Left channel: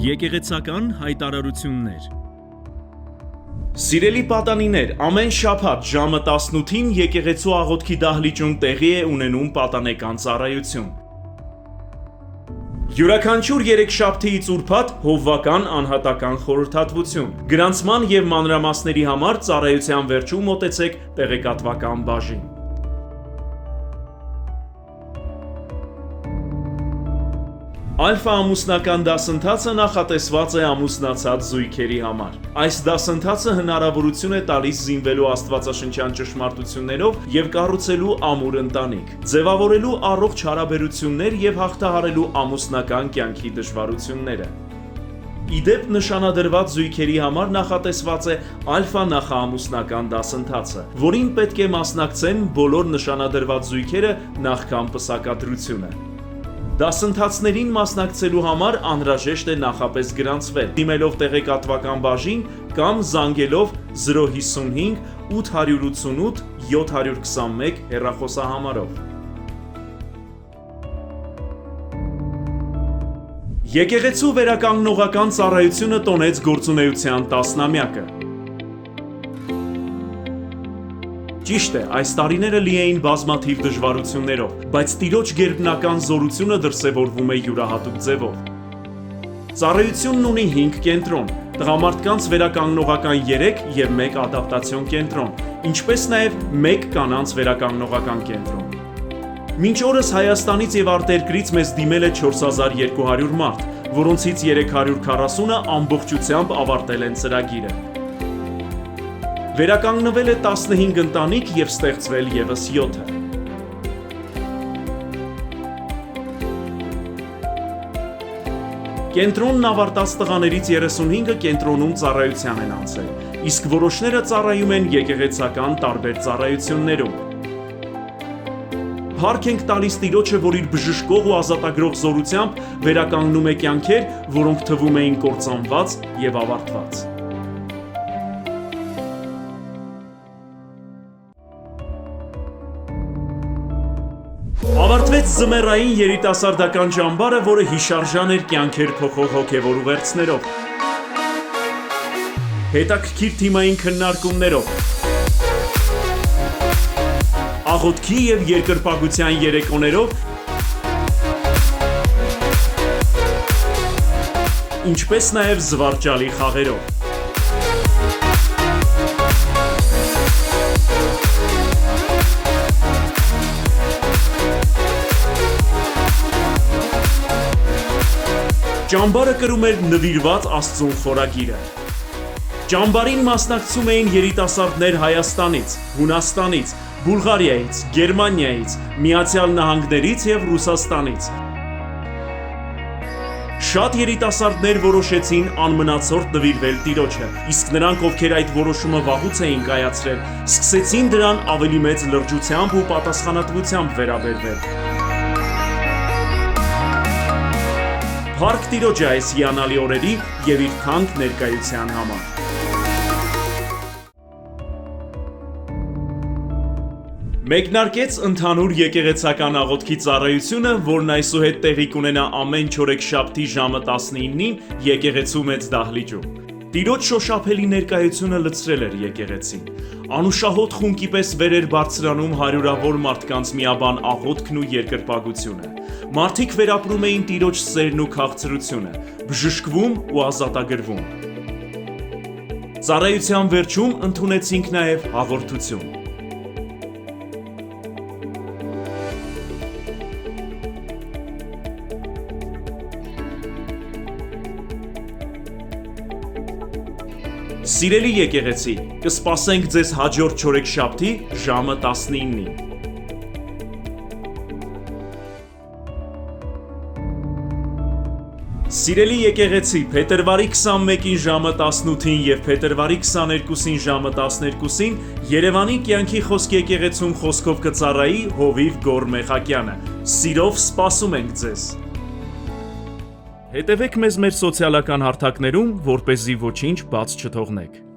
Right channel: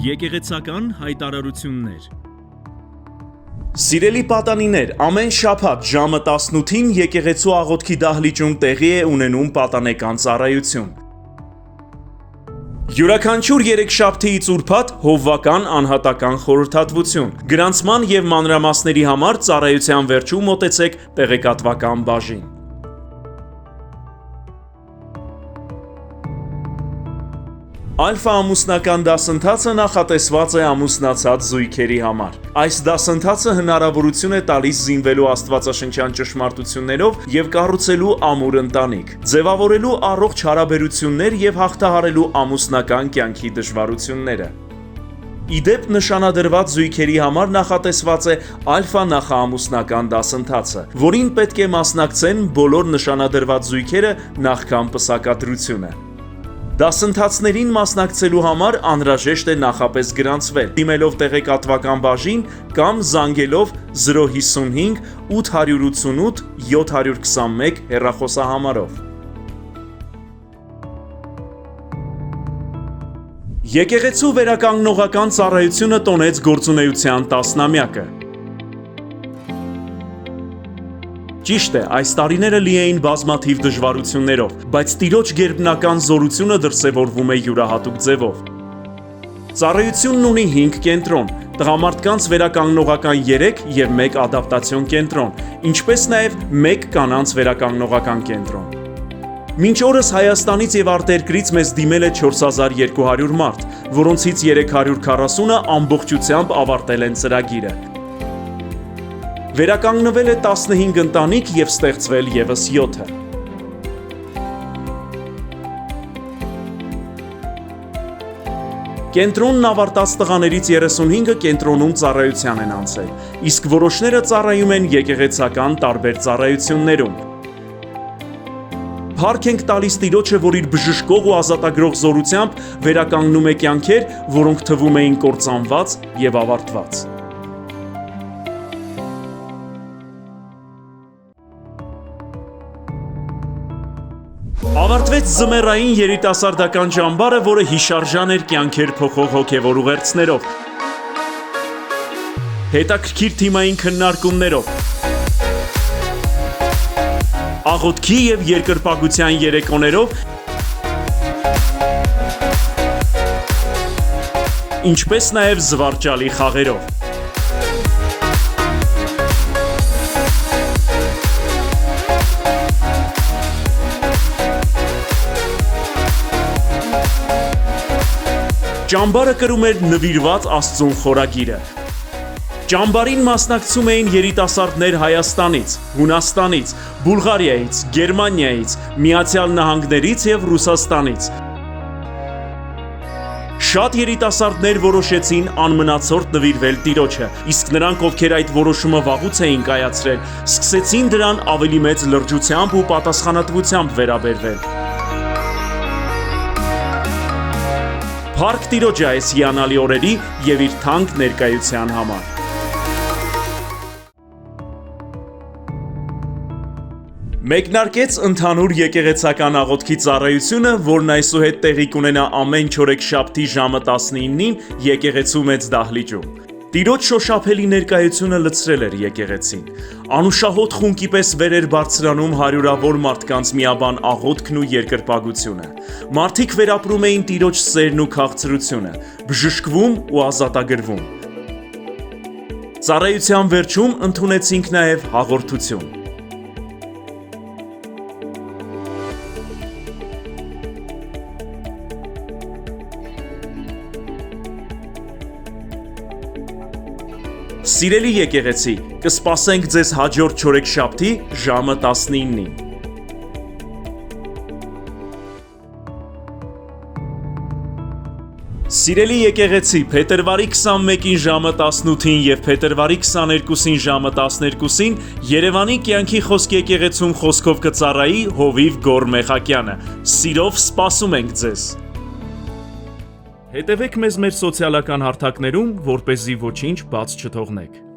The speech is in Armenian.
Եկեղեցական հայտարարություններ։ Սիրելի պատանիներ, ամեն շաբաթ ժամը 18-ին եկեղեցու աղոթքի դահլիճում տեղի է ունենում պատանեկան ծառայություն։ Յուրաքանչյուր երեքշաբթիից ուրբաթ հովվական անհատական խորհրդատվություն։ Գրանցման և մանրամասների համար ծառայության վերջում մոտեցեք տեղեկատվական բաժին։ Ալֆա ամուսնական դասընթացը նախատեսված է ամուսնացած զույգերի համար։ Այս դասընթացը հնարավորություն է տալիս զինվելու աստվածաշնչյան ճշմարտություններով և կառուցելու ամուր ընտանիք, ձևավորելու առողջ հարաբերություններ և հաղթահարելու ամուսնական կյանքի դժվարությունները։ Իդեպ նշանադրված զույգերի համար նախատեսված է ալֆա նախաամուսնական դասընթացը, որին պետք է մասնակցեն բոլոր նշանադրված զույգերը նախքան պսակադրությունը։ Դասընթացներին մասնակցելու համար անհրաժեշտ է նախապես գրանցվել, դիմելով տեղեկատվական բաժին կամ զանգելով 055 888 721 հեռախոսահամարով։ Եկեղեցու վերականգնողական ծառայությունը տոնեց գործունեության 10-ամյակը։ Ճիշտ է, այս տարիները լի էին բազմաթիվ դժվարություններով, բայց Տիրոջ գերբնական զորությունը դրսևորվում է յուրահատուկ ձևով։ Ծառայությունն ունի 5 կենտրոն, տղամարդկանց վերականգնողական 3 և 1 ադապտացիոն կենտրոն, ինչպես նաև 1 կանանց վերականգնողական կենտրոն։ Մինչ օրս Հայաստանից և արտերկրից մեզ դիմել է 4200 մարդ, որոնցից 340-ը ամբողջությամբ ավարտել են ծրագիրը։ Վերականգնվել է 15 ընտանիք և ստեղծվել ևս 7-ը։ Կենտրոնն ավարտած տղաներից 35-ը կենտրոնում ծառայության են անցել, իսկ որոշները ծառայում են եկեղեցական տարբեր ծառայություններում։ Փառք ենք տալիս Տիրոջը, որ իր բժշկող ու ազատագրող զորությամբ վերականգնում է կյանքեր, որոնք թվում էին կործանված և ավարտված։ Ավարտվեց զմերային երիտասարդական ճամբարը, որը հիշարժան էր կյանքեր փոխող հոգևոր ուղերձներով, հետաքրքիր թիմային քննարկումներով, աղոթքի և երկրպագության երեկոներով, ինչպես նաև զվարճալի խաղերով։ Ճամբարը կրում էր նվիրված Աստծուն խորագիրը։ Ճամբարին մասնակցում էին երիտասարդներ Հայաստանից, Հունաստանից, Բուլղարիայից, Գերմանիայից, Միացյալ Նահանգներից և Ռուսաստանից։ Շատ երիտասարդներ որոշեցին անմնացորդ նվիրվել Տիրոջը, իսկ նրանք, ովքեր այդ որոշումը վաղուց էին կայացրել, սկսեցին դրան ավելի մեծ լրջությամբ ու պատասխանատվությամբ վերաբերվել։ Փառք Տիրոջը այս հիանալի օրերի և իր թանկ ներկայության համար։ Մեկնարկեց ընդհանուր եկեղեցական աղոթքի ծառայությունը, որն այսուհետ տեղի կունենա ամեն չորեքշաբթի ժամը 19-ին եկեղեցու մեծ դահլիճում։ Տիրոջ շոշափելի ներկայությունը լցրել էր եկեղեցին։ Անուշահոտ խունկի պես վեր էր բարձրանում հարյուրավոր մարդկանց միաբան աղոթքն ու երկրպագությունը։ Մարդիկ վերապրում էին Տիրոջ սերն ու քաղցրությունը, բժշկվում ու ազատագրվում։ Ծառայության վերջում ընդունեցինք նաև հաղորդություն։ Սիրելի եկեղեցի, կսպասենք ձեզ հաջորդ չորեքշաբթի ժամը 19-ին։ Սիրելի եկեղեցի, փետրվարի 21-ին ժամը 18-ին և փետրվարի 22-ին ժամը 12-ին Երևանի կյանքի խոսք եկեղեցում խոսքով կծառայի Հովիվ Գոր Մեխակյանը։ Սիրով սպասում ենք ձեզ։ Հետևեք մեզ մեր սոցիալական հարթակներում, որպեսզի ոչինչ բաց չթողնեք։